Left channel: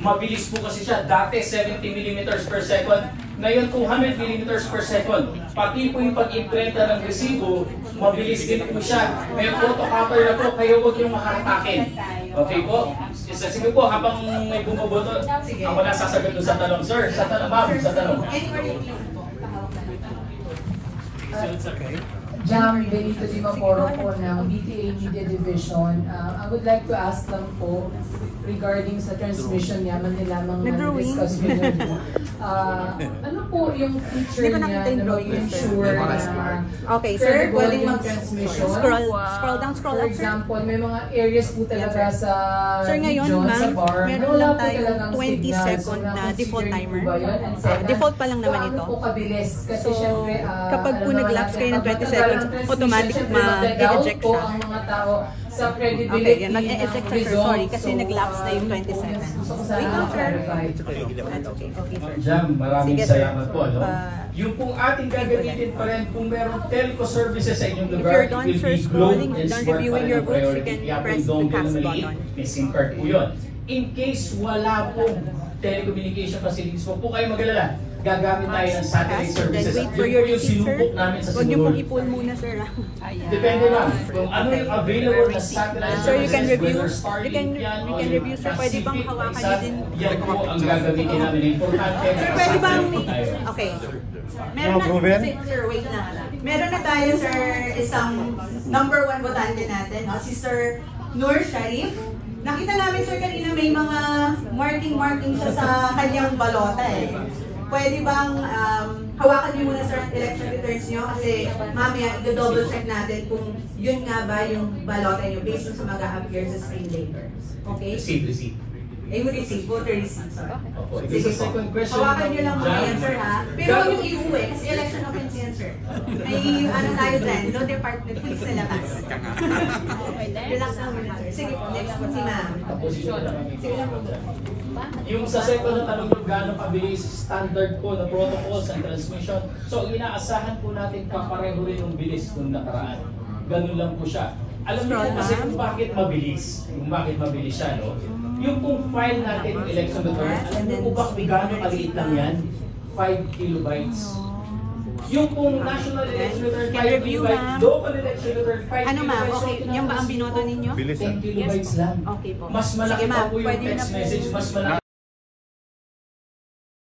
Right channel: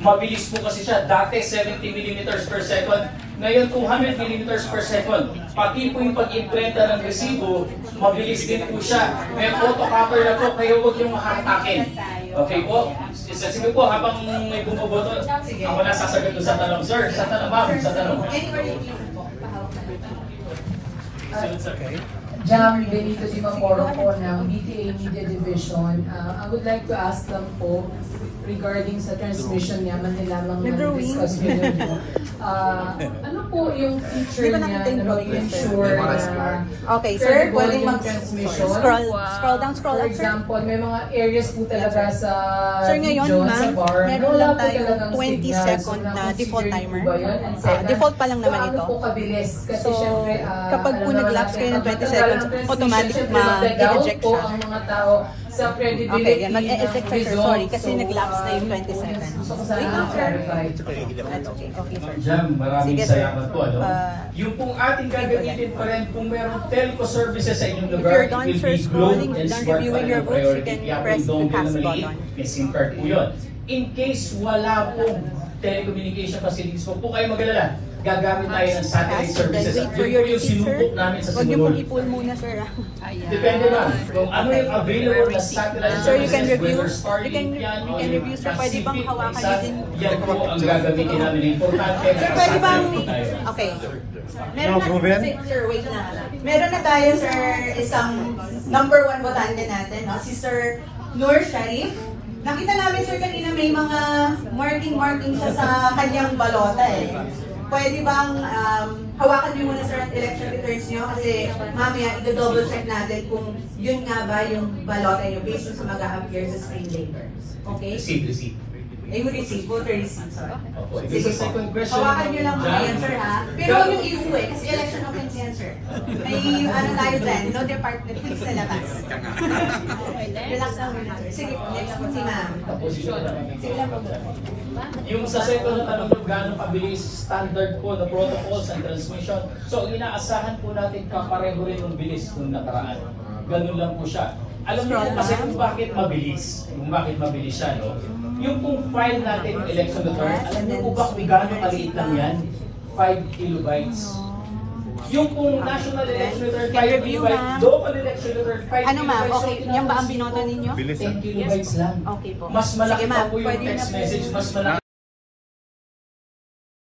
Mabilis po kasi siya. Dati 70 millimeters per second. Ngayon 200 millimeters per second. Pati po yung pag-imprenta ng resibo, mabilis din po siya. May photocopy na po, kaya huwag yung makatakin. Okay po? Sige po, habang may bumubuto, ako na sasagot sa tanong. Sir, sa tanong, ma'am, sa tanong. Okay. Jam Benito Di Mamoro po ng BTA Media Division. I would like to ask lang po regarding sa transmission niya, man lamang discuss with you. Ano po yung feature niya na ensure na okay, sir, pwedeng mag-transmission? Scroll down, For example, may mga areas po talaga sa sir, ngayon, sa bar. meron lang tayong 20-second na default timer. Default pa lang naman ito. So, kapag po nag-lapse kayo ng 20 seconds, automatic ma-eject siya. Okay, yan. Mag-eject siya, sir. Sorry, kasi nag-lapse na yung 20 seconds. Wait lang, sir. That's okay. Okay, sir. Jam, maraming Sige, sir. salamat po. Yung pong ating gagamitin pa rin, kung merong telco services sa inyong If lugar, you're done, sir, scrolling, done reviewing your books, you can press the cast button. SIM card po yun. In case wala pong telecommunication facilities, huwag po kayo mag-alala. Gagamit tayo ng satellite services. Wait for your yung receipt, sir. sinubok namin sa Huwag niyo Sinulog. pong i-pull muna, sir. Depende lang kung ano yung available na satellite Sir, you can services, review. whether You Starlink yan, can o yung review, sir. Pwede bang Pacific, hawakan niyo din? yan po ang gagamitin namin. Importante Sir, pwede bang... tayo. Okay. Meron na, sir, wait lang. Meron na tayo, sir, isang number 1 botante natin, no? Si Sir Nur Sharif. Nakita namin, sir, kanina may mga marking siya sa kanyang balota eh. Pwede bang hawakan niyo muna, sir, ang election returns niyo kasi mamaya i-double check natin kung yun nga ba yung balota niyo based sa mag-a-appear sa screen later. Okay? Receive. Eh, we receive, voter receipt, sorry. This is the second question. Hawakan niyo lang muna yan, sir, ha? Pero huwag yung iuwi, kasi election offense yan, sir. May ano tayo dyan, no department fees na labas. Relax na muna. Sige, next po, si ma'am. Yung sa second na tanong yung gano'ng kabilis, standard po na protocols and transmission. So, inaasahan po natin kapareho rin yung bilis nung nakaraan. Ganun lang po siya. Alam mo po kasi kung bakit mabilis. Kung bakit mabilis siya, no? Yung kung file natin election return, alam mo po ba kung gano'ng kaliit lang yan? 5 kilobytes. Yung kung national election return, 5 kilobytes. Local election return, 5 kilobytes. Ano ma'am, okay, yan ba ang binoto ninyo? 10 kilobytes lang. Okay po. Mas malaki Sige, pa ma'am, po yung pwede na text po. message, mas malaki